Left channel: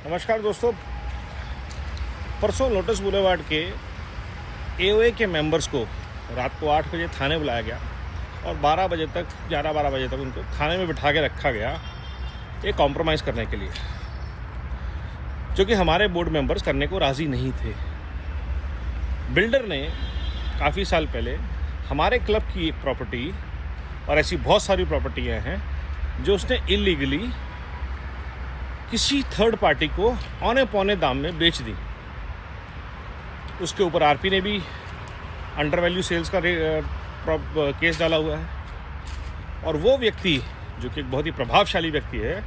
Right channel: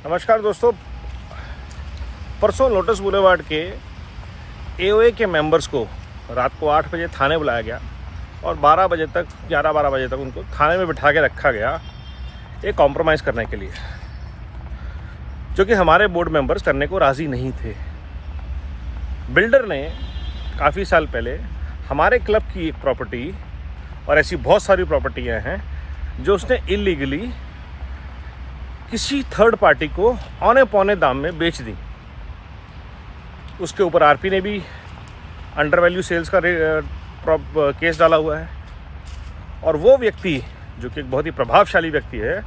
नमस्कार दोस्तों। परसों लोटस बुलेवार्ड के एओए के मेंबर्स को रात को 8 बजे थाने बुलाया गया और 12 बजे तक 11-12 बजे तक उनको थाने में बिठा के रखा गया एक कॉम्प्रोमाइज़ करने के लिए, जो कि हमारे बोर्ड मेंबर्स करने को राज़ी नहीं थे। बिल्डर ने काफ़ी साल पहले हमारे क्लब की एक प्रॉपर्टी और ऐसी बहुत सारी प्रॉपर्टियां हैं जो उसने इलीगली किसी थर्ड पार्टी को औने पौने दाम में बेच दी। उसके ऊपर आरपी ने भी अंडर वैल्यू सेल्स का केस डाला हुआ है और वो व्यक्ति जो कि एक बहुत ही प्रभावशाली व्यक्ति है,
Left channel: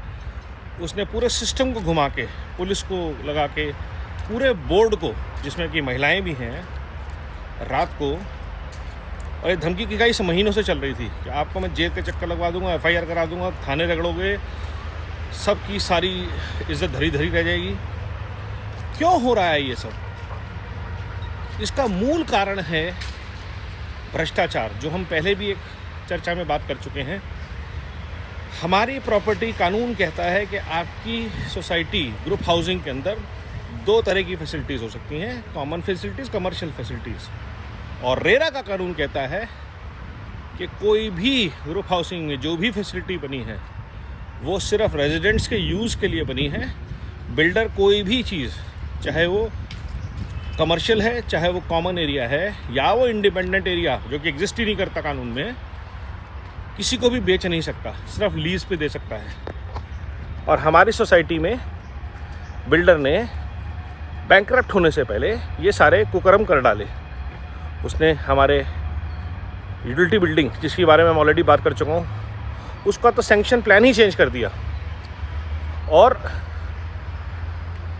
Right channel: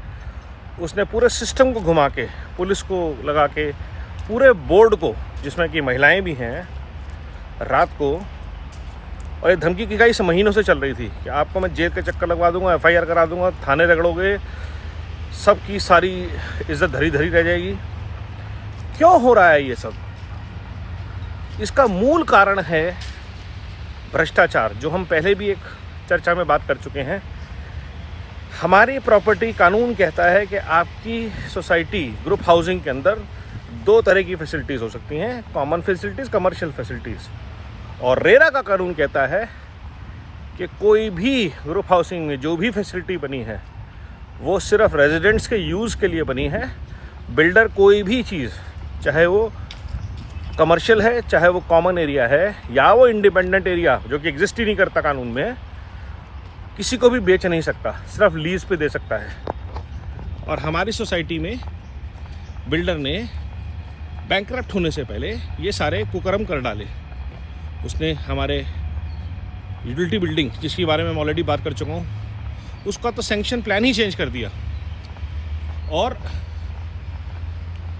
उसने पूरे सिस्टम को घुमा के, पुलिस को लगा के, पूरे बोर्ड को जिसमें कि महिलाएं भी हैं, रात को, और ये धमकी की कई महीनों से चल रही थी कि आपको मैं जेल के चक्कर लगवा दूंगा, एफआईआर करा दूंगा, थाने रगड़ोगे, सबकी सारी इज्जत धरी धरी रह जाएगी। क्यों हो रहा है ये सब? इसका मूल कारण है भ्रष्टाचार, जो हम पहले भी एक चर्चा में बात कर चुके हैं। हमारी प्रॉपर्टी कानून कहता है कि आपकी सोसाइटी ग्रुप हाउसिंग के अंदर दो तरह की फैसिलिटीज़ हो सकती हैं, कॉमन फैसिलिटीज़, कमर्शियल फैसिलिटीज़। और रेरा का कानून कहता है कि कोई भी ग्रुप हाउसिंग में जो भी फैसिलिटी बनी है वो सिर्फ रेजिडेंट्स के यूज़ के लिए बनी है। बिल्डर कोई भी चीज़, चाहे वो कमर्शियल है, चाहे वो कॉमन एरिया है, या वो इंडिपेंडेंट एरिया जो कि एग्जिस्ट ही नहीं करता कानून में, किसी को भी बेच नहीं सकता, सिर्फ लीज पे दे सकता है। और हमारी सोसाइटी में बिल्डर ने बैंकरप्ट होने से पहले ये सारे कुकर्म कर डाले। उसने हमारे यूटिलिटी बिल्डिंग, जिसके बारे में मैं ऑलरेडी बात कर चुका हूँ, उसका तो सैंक्शन प्लान ही चेंज कर दिया। और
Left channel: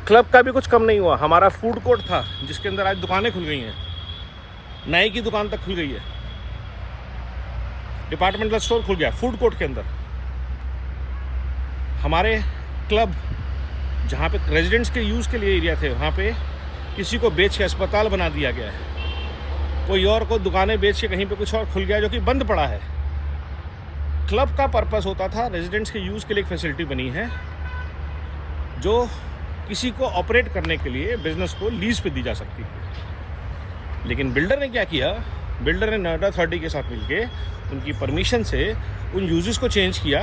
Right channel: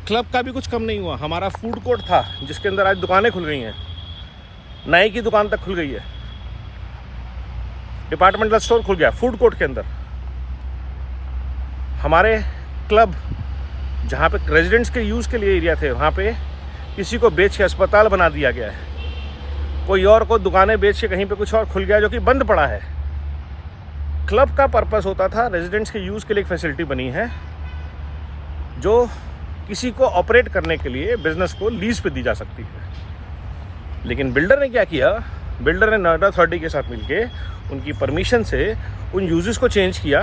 क्लब का भी कुछ कम नहीं हुआ। हमारा फूड कोर्ट था जिसके अंदर आज दुकानें खुल गई हैं, नाई की दुकान तक खुल गई है, डिपार्टमेंटल स्टोर खुल गया फूड कोर्ट के अंदर। हमारे क्लब जहाँ पे रेजिडेंट्स के यूज़ के लिए एरिया थे, वहाँ पे किसी को बेच के अस्पताल बना दिया गया है। कोई और को दुकानें बेच के कहीं पे कुछ और खुल गया जो कि बंद पड़ा है। क्लब का पर्पस होता था रेजिडेंट्स के यूज़ के लिए एक फैसिलिटी बनी है जो किसी को ऑपरेट करने के लिए बिजनेस को लीज पे दी जा सकती है। लेकिन बिल्डर ने क्या किया? बिल्डर ने नोएडा अथॉरिटी के साथ मिलके उनकी परमिशन से उन यूजेस को चेंज किया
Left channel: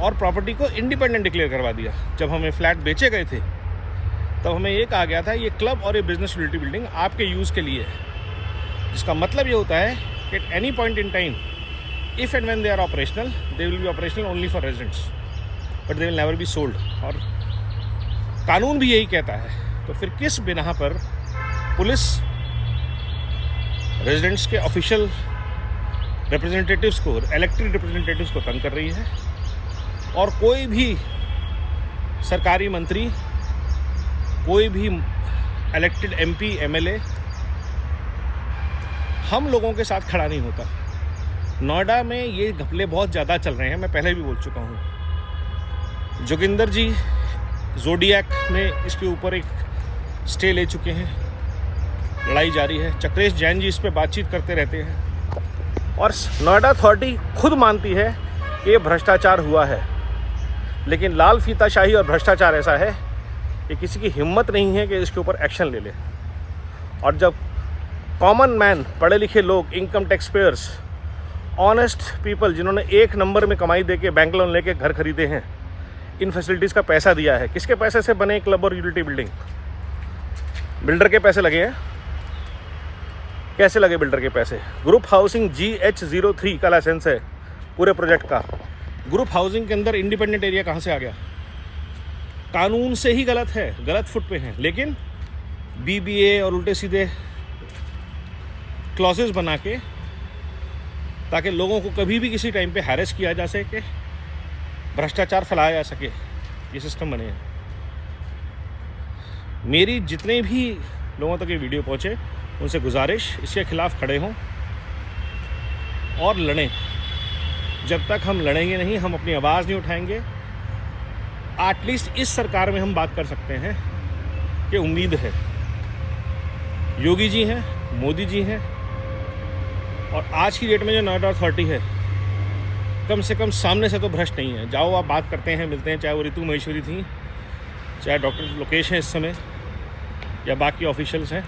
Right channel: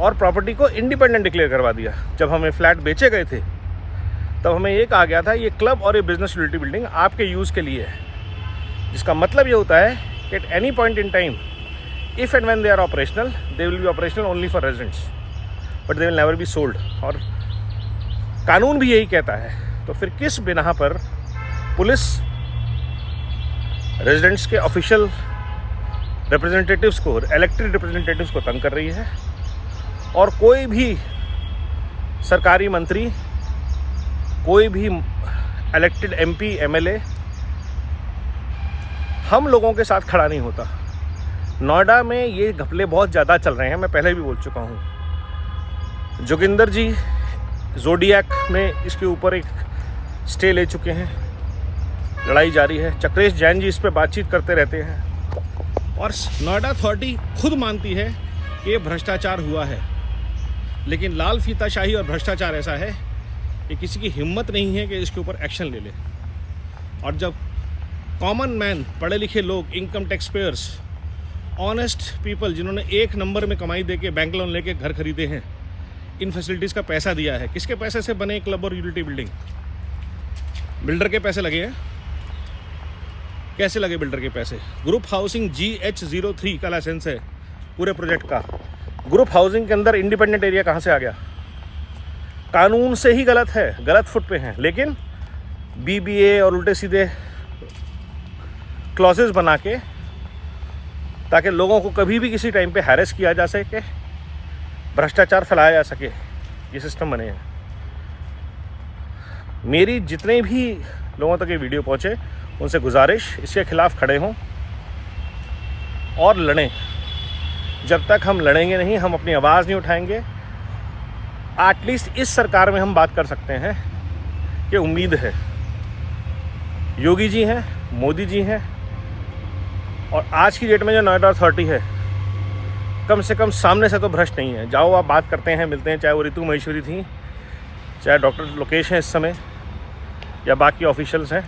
और प्रॉपर्टी को इंडिपेंडेंट डिक्लेयर करवा दिया। जब हमें फ्लैट बेचे गए थे तब हमें ये कहा गया था ये क्लब और ये बिजनेस यूटिलिटी बिल्डिंग आपके यूज़ के लिए है, जिसका मतलब ये होता है कि at any point in time, if and when they are operational, they will be operational only for residents, but they will never be sold। और कानून भी यही कहता है। तो फिर किस बिना पर पुलिस रेजिडेंट्स के ऑफिशियल रिप्रेजेंटेटिव्स को, इलेक्टेड रिप्रेजेंटेटिव्स को तंग कर रही है? और कोई भी सरकारी मंत्री, कोई भी इलेक्टेड एमपी, एमएलए हम लोगों के साथ खड़ा नहीं होता। नोएडा में ये घपले बहुत ज़्यादा चल रहे हैं, मैं पहले भी बोल चुका हूँ। जोगिंदर जी जोडियाक में इसके ऊपर एक स्टे ले चुके हैं, लड़ाई जारी है। चक्रेश जैन जी इस पर बातचीत करते रहते हैं और नोएडा अथॉरिटी खुद मानती है कि ये भ्रष्टाचार हुआ है। लेकिन लाल फीताशाही और भ्रष्टाचार ऐसा है कि किसी की हिम्मत नहीं है कि इसके ऊपर एक्शन ले ले। और जब कॉमन मैन, पढ़े लिखे लोग, income tax payers, honest people जिन्होंने एक नंबर में कमाई देके बैंक लोन लेके घर खरीदे हैं, इन फैसिलिटीज़ का पैसा दिया है, किसके पैसे से बने क्लब और यूटिलिटी बिल्डिंग? बिल्डर के पैसे लगे हैं। कैसे लगे बिल्डर के पैसे? ग्रुप हाउसिंग GH03 का लाइसेंस है पूरे प्रोजेक्ट का। ग्रुप हाउसिंग के अंदर इंडिपेंडेंट एरिया कहाँ से आ गया? कानून से ही गलत है, गलत फुट पे हैं। लेकिन BBA और उल्टे सीधे क्लॉजेस बना के, ताकि लोगों को कभी भी किसी टाइम पे हैरेस किया जा सके, भ्रष्टाचार फैलाया जा सके, ये सिस्टम बने हैं। मेरी जितने भी लोगों तक ये वीडियो पहुंचे, उनसे गुजारिश, इसके खिलाफ खड़े हों और लड़ें। जब तक हम लड़ेंगे नहीं, हम अपनी आवाज़ नहीं उठाएंगे, एटलीस्ट इस सरकार में हम बात कर सकते हैं कि उम्मीद है। योगी जी हैं, मोदी जी हैं, और आज की डेट में जो नोएडा अथॉरिटी है, कम से कम सामने से तो भ्रष्ट नहीं है। जाओ आप बात करते हैं, मिलते हैं, चाहे वो रितु महेश्वरी थी, चाहे डॉक्टर लोकेश हैं इस समय या बाकी ऑफिशियल्स हैं,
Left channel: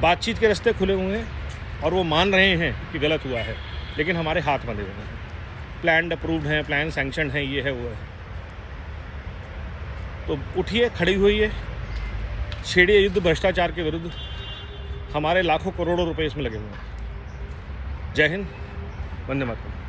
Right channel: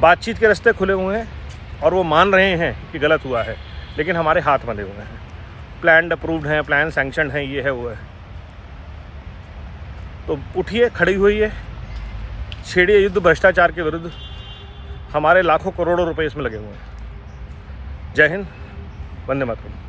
बातचीत के रास्ते खुले हुए हैं और वो मान रहे हैं कि गलत हुआ है, लेकिन हमारे हाथ बंधे हुए हैं। प्लान अप्रूव्ड हैं, प्लान सैंक्शनड हैं, ये है वो है। तो उठिए, खड़ी हुई है, छेड़िए युद्ध भ्रष्टाचार के विरुद्ध। हमारे लाखों करोड़ों रुपए इसमें लगे हुए हैं। जय हिंद, वंदे मातरम।